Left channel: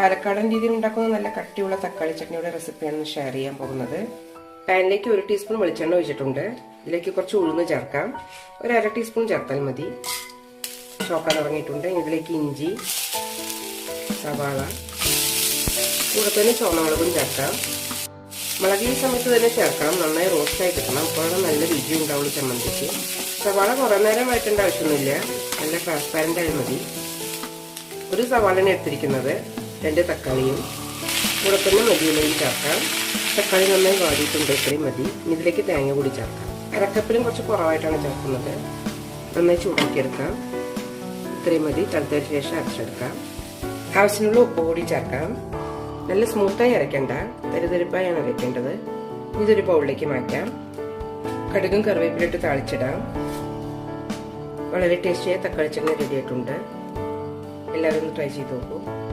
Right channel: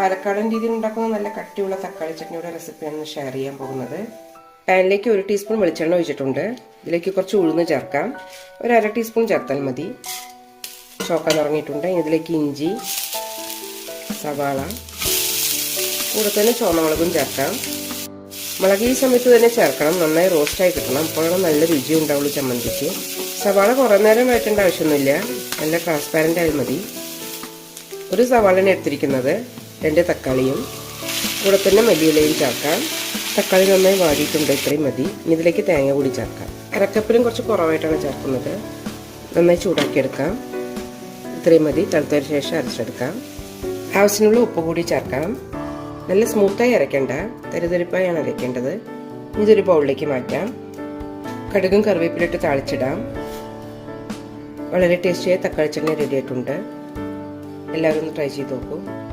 പാലക്കാടൻ രീതിയിൽ ഉണ്ടാക്കുന്ന നല്ല കട്ടിയുള്ള തക്കാളി ചട്നിയുടെ റെസിപ്പിയാണ് ഷെയർ ചെയ്യാൻ പോകുന്നത്. പാനിലേക്ക് 1 ടീസ്പൂൺ വെളിച്ചെണ്ണ ഒഴിച്ചിട്ടുണ്ട്. ഇതിലേക്ക് കുറച്ച് ഉഴുന്ന് ചേർക്കാം. ഒരു 1/2 ടീസ്പൂൺ ചേർത്താൽ മതി. ചോക്കാൻ തുടങ്ങിയിട്ടുണ്ട്. ഇതിലേക്ക് ഇഞ്ചി, സവാള, കൂടെ തന്നെ ചുവന്നമുളകും ചേർക്കാം. മുളക് ഈ സമയത്ത് തന്നെ ചേർക്കണം. നന്നായി റോസ്റ്റായി കിട്ടണം. അപ്പോഴും നല്ല രുചി ഉണ്ടാവും ചമ്മന്തിക്ക്. സവാള കുറേ നേരം വഴറ്റേണ്ട ആവശ്യമൊന്നുമില്ല. നല്ല ട്രാൻസ്പാരൻ്റ് ആയി മതി. ഒരു സവാളയാണ് എടുത്തിരിക്കുന്നത്. 2 തക്കാളിയും കൂടെ തന്നെ മല്ലിയിലയും ചേർക്കാം. തക്കാളി നന്നായി വാടിയിട്ടുണ്ട്. ഇത്രയും മതി. ഇതിലേക്ക് തേങ്ങ കൂടി ചേർക്കാം. അരക്കപ്പിലും കുറച്ച് കുറവായിട്ടാണ് ചേർക്കുന്നത്. നന്നായി ചൂടാക്കിയെടുക്കാം. ഇത്രയും മതി. തണുത്തതിന് ശേഷം അരച്ചെടുക്കാം. ആവശ്യത്തിനുള്ള ഉപ്പ് കൂടി ചേർക്കാം. നല്ല സ്മൂത്തായി അരയ്ക്കേണ്ട, തരിതരിപ്പായാണ് അരയ്ക്കേണ്ടത്. ഇതൊരു ബൗളിലേക്ക് മാറ്റാം. കടുകും കറിവേപ്പിലിട്ട് താളിച്ചിടാം. വളരെ ടേസ്റ്റിയായ തക്കാളി ചട്നി റെഡി ആയിട്ടുണ്ട്. എല്ലാവരും ഒന്ന് ട്രൈ ചെയ്ത് നോക്കൂ.